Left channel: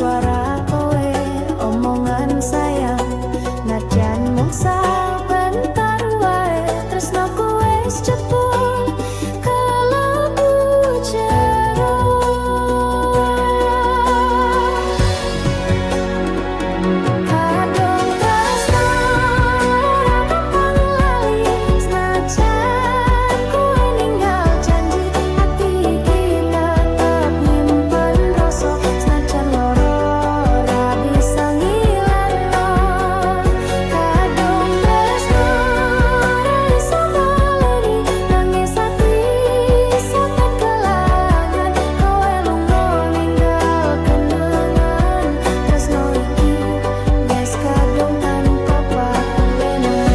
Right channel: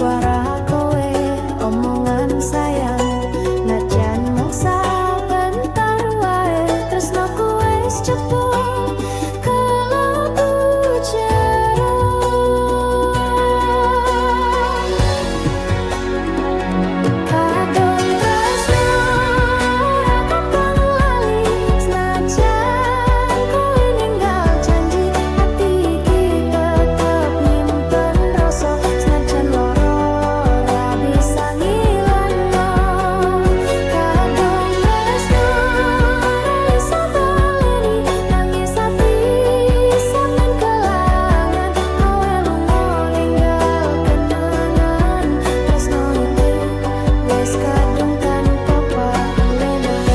suara kowe omongan sayang najan mung sabentar wae tresnoku wis jebul kelebu jero kadung tresno ora gampang lali senajan kowe ninggal janji hati iki tetep nyimpen rasa senajan loro ora bisa ngilangno kadung tresno ora iso baleni nangis ati sampeyan kelangan kowe lunga ninggal kenangan tresno iki wis kadung tanpa palenan.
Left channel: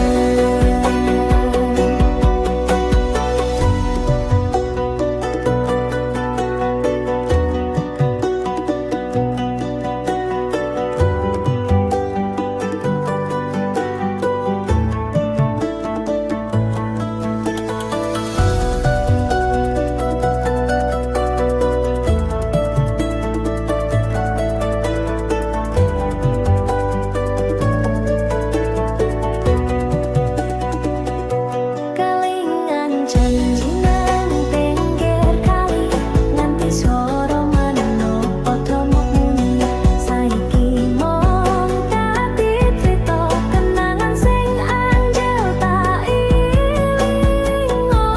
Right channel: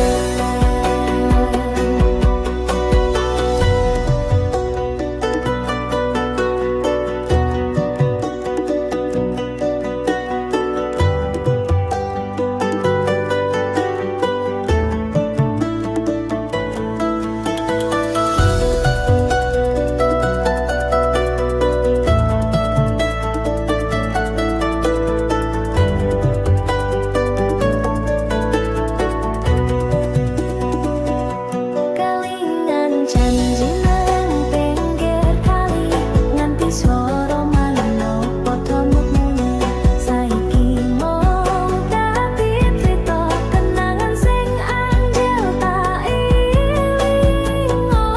Kelingan janji nang pinggir kali nganti swara manuk padha muni saiki mung dadi crita kenangan sing anjel tak ilingo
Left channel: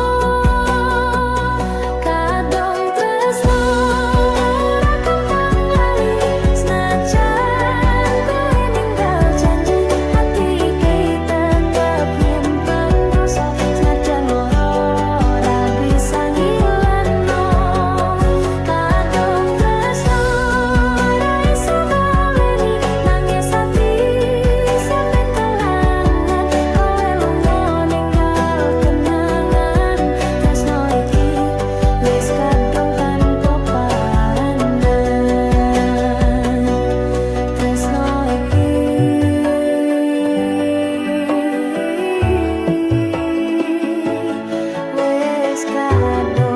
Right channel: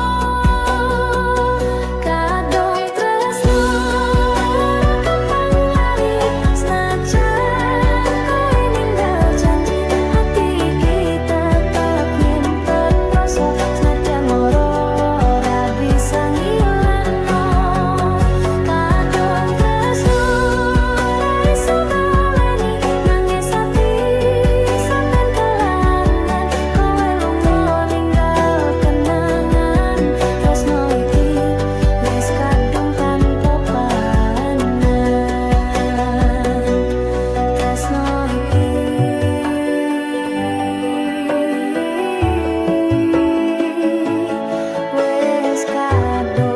kadung tresno ora gampang lali senajan kowe ninggal janji hati iki tetep nyimpen rasa senajan loro ora bisa ngilangno kadung tresno ora iso baleni nangis ati sampeyan kelangan kowe lunga ninggal kenangan tresno iki wis kadung tanpa pandang tresno iki wis kadung